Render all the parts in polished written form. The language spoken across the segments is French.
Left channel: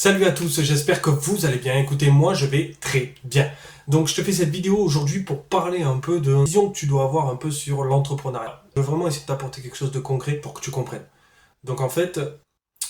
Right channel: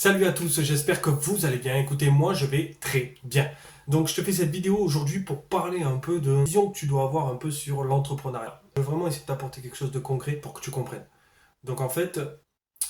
Salut à tous, j'espère que vous allez bien. Écoutez, moi je vais très bien. Donc je te fais cette vidéo aujourd'hui pour parler un peu de la vision que tu dois avoir un peu sur l'entrepreneuriat. Je veux vraiment essayer de t'apporter quelque chose de concret pour que tu comprennes. Donc en fait,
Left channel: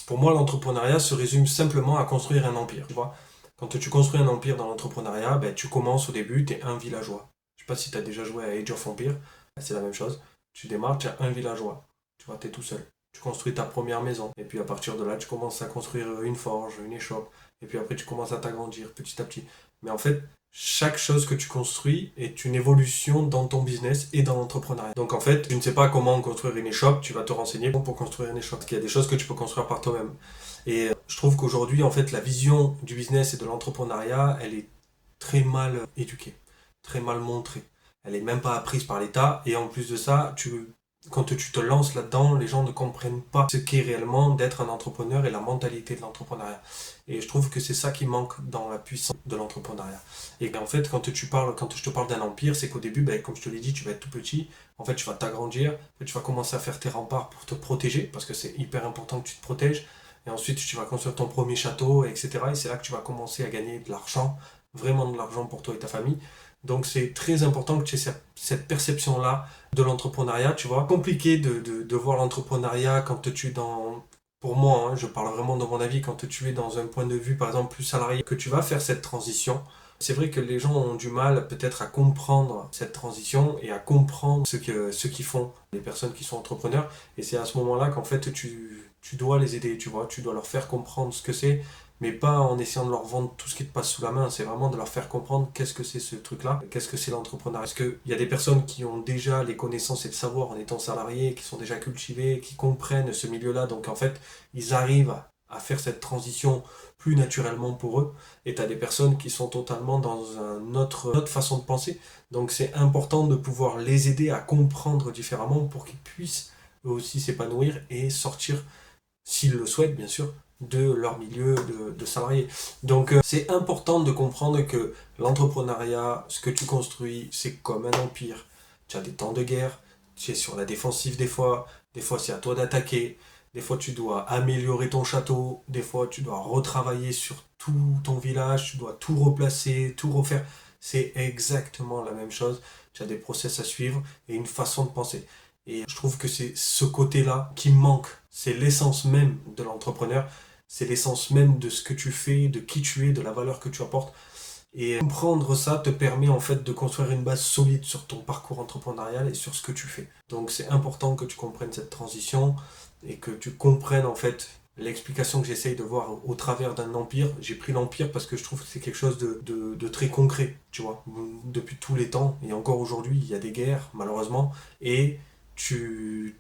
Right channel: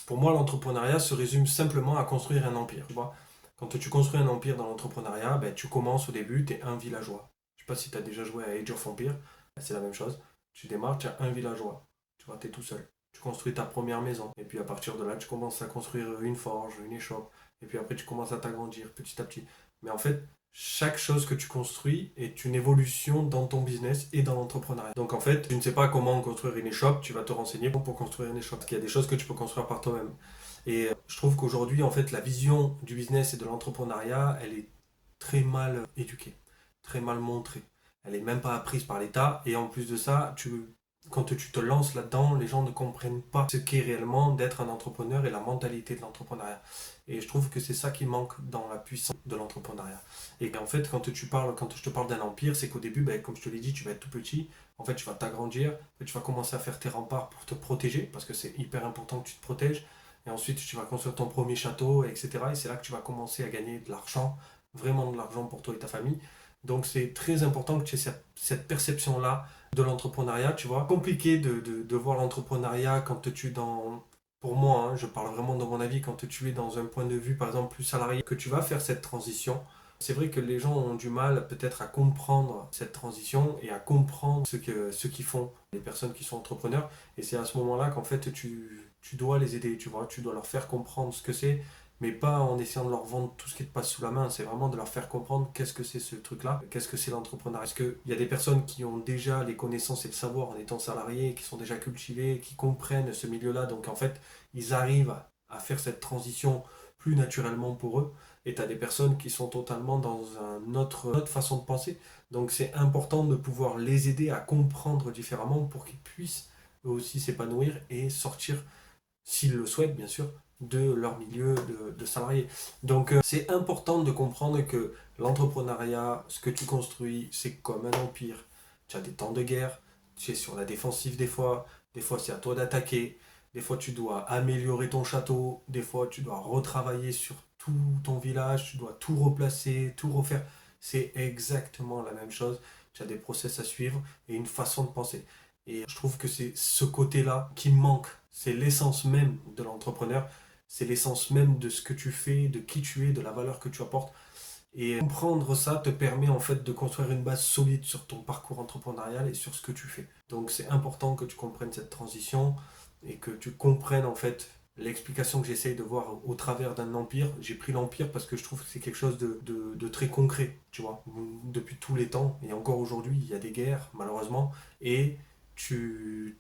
pour moi l'entrepreneuriat se résume simplement à construire un empire. Tu vois, quand tu construis un empire dans l'entrepreneuriat, ben, tu commences au début, tu es un villageois. Je sais pas si tu as déjà joué à Age of Empires, c'est la même chose. Tu démarres, tu as un villageois. Tu vois, tu es tout seul. Tu construis ta première maison. Et puis à partir de là, tu commences à construire une forge, une échoppe. Et puis après, tu commences à t'agrandir petit à petit. Mais en fait, chaque chose que tu construis est une évolution dans ton business et dans l'entrepreneuriat. Donc en fait, tu ne sais pas comment construire une échoppe, tu vas te renseigner pour construire une échoppe. Parce qu'il y a des choses que tu peux construire par toi-même. Et je trouve qu'aujourd'hui, en fait, la vision du business et de l'entrepreneuriat, elle est très mal éduquée, très mal montrée. Elle est même pas apprise par l'État. Et en plus de ça, quand tu te lances là-dedans, les gens ne comprennent pas ce qu'est réellement d'être un entrepreneur et la mentalité de l'entrepreneuriat. Et je trouve que c'est ça qui manque dans la puissance de l'entrepreneuriat. Et en fait, quand je te parle d'un empire, c'est qu'au début, ben, comme je te l'ai dit, tu vas être tout petit. En fait, tu vas t'agrandir, tu vas commencer à faire tes remparts pour te protéger, parce que c'est hyper important que tu te protèges. Et ensuite, tu vas construire ton premier château, etc. Et c'est là que tu vas commencer à gagner de l'argent, vraiment de l'argent pour toi et ta famille. Donc c'est très important que tu aies cette perception-là de l'entrepreneuriat, tu vois. Compliqué de voir l'entrepreneuriat quand tu es dans... Pour moi, hein, je parle vraiment de mon avis, quand tu es dans un point de vue, par exemple, plus salarié, que tu vas faire cette transition. C'est vrai que les gens ont du mal peut-être à comprendre cette transition et à comprendre ce qu'ils font, les personnes qui sont entrepreneurs. Et c'est à ce moment-là qu'en fait, tu dois les aider, tu vois. Tu dois leur faire comprendre ce que c'est, mais pas en essayant de leur vendre tout ce qui te passe sous la main. C'est vraiment de leur faire comprendre qu'est-ce que c'est ce truc-là, qu'est-ce que c'est l'entrepreneuriat. Parce qu'il y a des personnes qui ont déjà les connaissances et le savoir en étant salariés, qui sont déjà cultivés, qui comprennent ce milieu-là. Donc en fait, ils arrivent à faire cette transition plus naturellement pour eux. Et tu as des personnes qui sont totalement dans une autre façon de penser. Donc c'est important de pouvoir les aider à comprendre différemment pour qu'ils puissent eux aussi s'épanouir et sortir, s'ils le souhaitent bien sûr, de leur milieu de salariés. Donc c'est important de comprendre que l'entrepreneuriat, ce que tu construis, c'est comme un empire. Tu as des temps de guerre, tu es sur la défensive des fois c'est à toi d'attaquer, des fois tu dois améliorer ton château, des fois tu dois retravailler sur tout ton village, tu dois tout replacer, tout refaire. C'est exactement la même chose. Tu as des process à suivre et une façon de penser. Et je trouve que c'est ce côté-là qui manque. C'est l'essence même de l'entrepreneur. C'est l'essence même de ce que tu fais, de qui tu es, de la valeur que tu apportes. Et comprendre ça te permet en fait de construire une base solide sur ton parcours entrepreneurial et sur ce que tu fais. Donc c'est important que tu comprennes cette transition et que tu comprennes en fait l'explication que j'essaye de voir au travers d'un empire. J'ai pris l'empire parce que je trouve que c'est quelque chose de très concret, tu vois. Depuis tous les temps, et encore aujourd'hui, il y a des guerres, malheureusement, et tu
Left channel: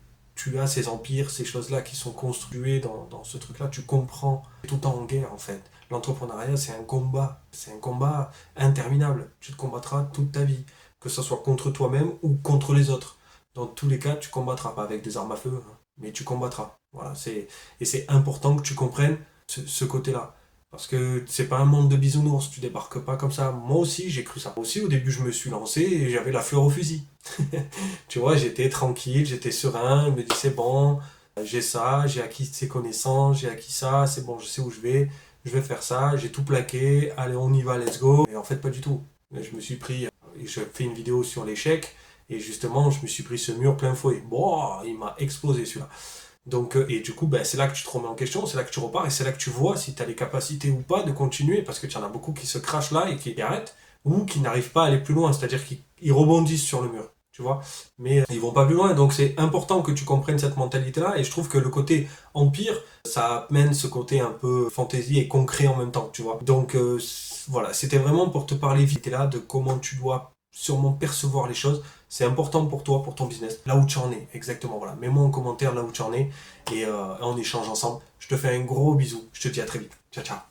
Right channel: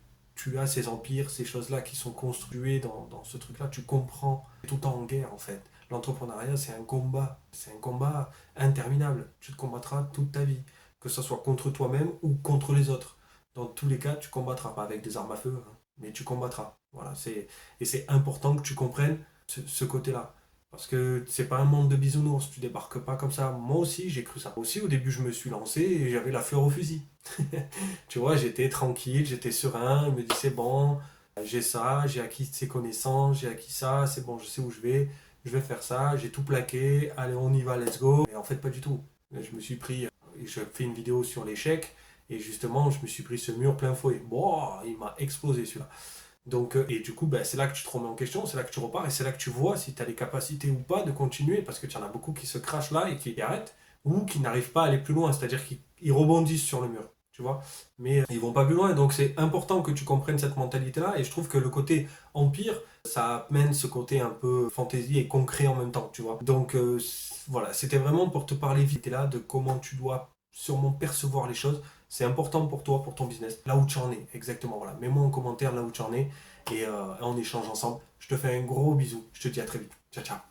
as ces empires, ces choses-là qui sont construites dans ce truc-là, tu comprends tout le temps en guerre en fait. L'entrepreneuriat, c'est un combat interminable. Tu te combattras toute ta vie, que ce soit contre toi-même ou contre les autres. Dans tous les cas, tu combattras, pas avec des armes à feu, hein, mais tu combattras. Voilà, et c'est important que tu comprennes ce côté-là. Parce que c'est pas un monde de bisounours, tu débarques pas comme ça. Moi aussi, j'ai cru ça. Moi aussi, au début, je me suis lancé et j'avais la fleur au fusil. Tu vois, j'étais tranquille, j'étais serein, je me dis c'est bon, j'ai ça, j'ai acquis ces connaissances, j'ai acquis ça, c'est bon, je sais où je vais faire ça, j'ai tout plaqué, allez on y va, let's go. Et en fait pas du tout. Je me suis pris, je fais une vidéo sur l'échec, et justement je me suis pris ce mur plein fouet. Bon, il m'a explosé celui-là. Donc, et du coup, ben, c'est là que tu te remets en question, c'est là que tu repars, et c'est là que tu vois si tu as les capacités ou pas de continuer, parce que tu en as beaucoup qui se crachent là et qui arrêtent, ou qui n'arrivent pas à aller plus loin, c'est-à-dire qu'ils rebondissent sur le mur, tu vois, mais ils vont pas plus loin, donc c'est important que tu comprennes cette mentalité-là, et je trouve que le côté empire, ça amène ce côté un peu fantaisie et concret en même temps, tu vois. Donc voilà, c'était vraiment pour te parler vite là de comment tu dois sûrement percevoir les choses. C'est important pour toi, pour ton business, là où tu en es, exactement. Voilà, mets-moi en commentaire là où tu en es et on échange ensemble. Je te fais un gros bisou. Je te dis à très vite. Ciao, ciao.